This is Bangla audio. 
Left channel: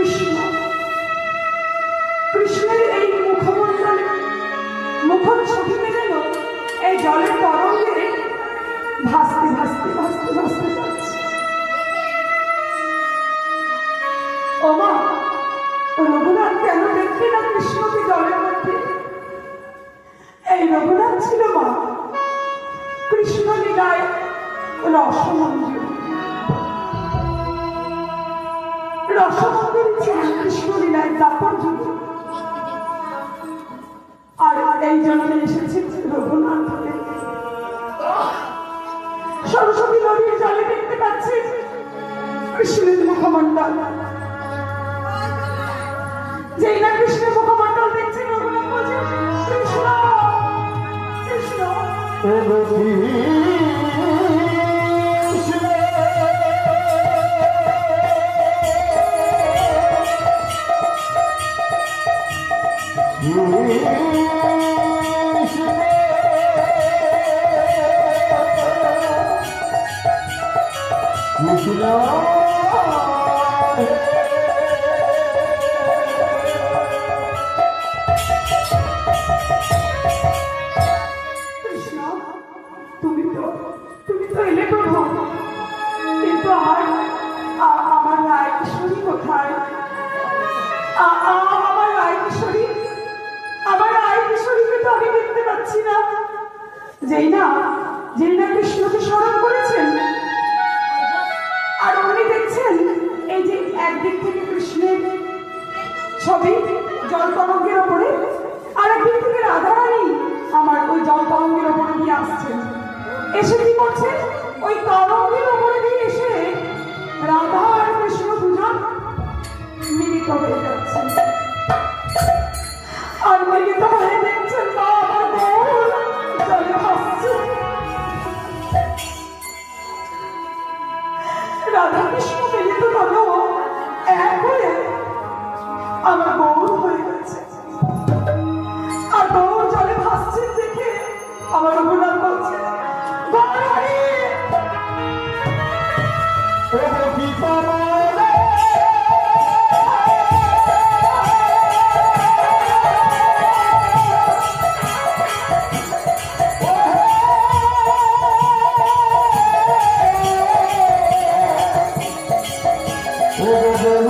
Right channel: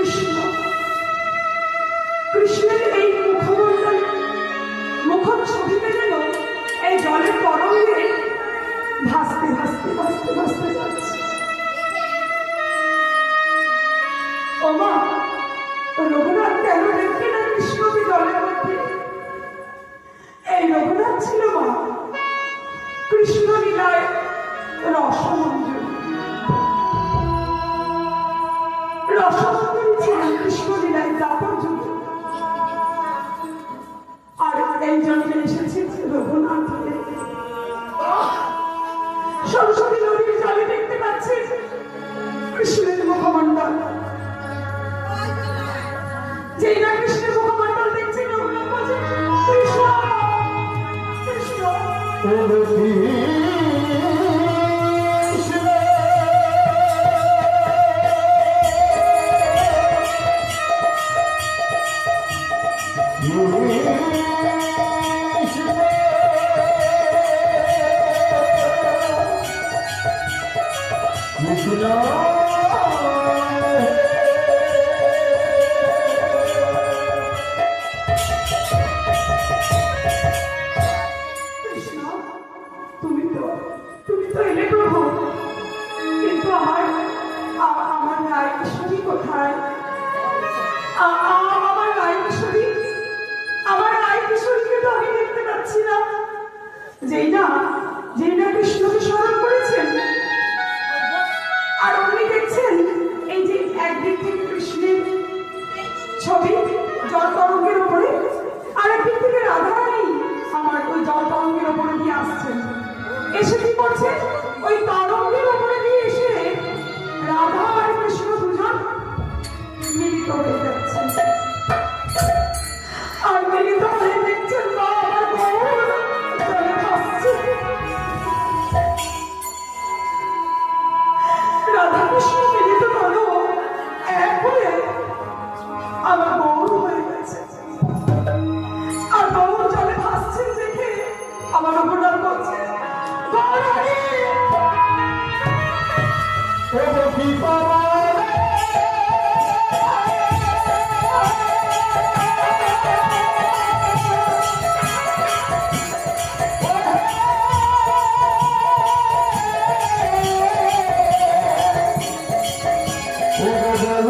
কৃষ্ণ কৃষ্ণের এই মুখমণ্ডলে মুখচ্ছবিতে যেন এই জলের তরঙ্গে ভাসতে ভাসতে ভাসতে ভাসতে যাচ্ছে। ওমা, রঘুনাথ কেন দেখবে না কৃষ্ণকে জলের মধ্যে? এই রঘুনাথ ছিল মা কৃষ্ণ লীলায় রসমঞ্জুর। রসমঞ্জুরি ছিল কৃষ্ণ লীলায় দাপর যুগে। আর এই জন্মে এসেছে রঘুনাথ হয়ে। সরস্বতী নদীর জলে দেখতে পাচ্ছে কৃষ্ণের মুখমণ্ডল। যেই না কৃষ্ণের মুখমণ্ডল দেখছে রঘুনাথ বলছে, কৃষ্ণ কৃষ্ণ। যেই না কৃষ্ণকে স্মরণ করেছেন, আর উনি দেখছেন এই যে একদিক থেকে কৃষ্ণের ছবি জল তরঙ্গের ওপরে, আর একদিক থেকে রাধারানী আমার ওই জল তরঙ্গের ওপরে দিয়ে আসছেন। এসে কি করছে, ওই তরঙ্গের ওপরে দিয়ে এসে রাধা আর কৃষ্ণ দুজন মিলিত হয়ে যাচ্ছেন। আর মিলিত হয়ে দেখছেন মা আমার জলে ভাসছে। রাধা কৃষ্ণ মিলিত হলো এক হয়ে আমার গৌর হয়ে গেছে। আর গৌর জলে ভাসছে দেখে আমার রঘুনাথ বলছে, Oh,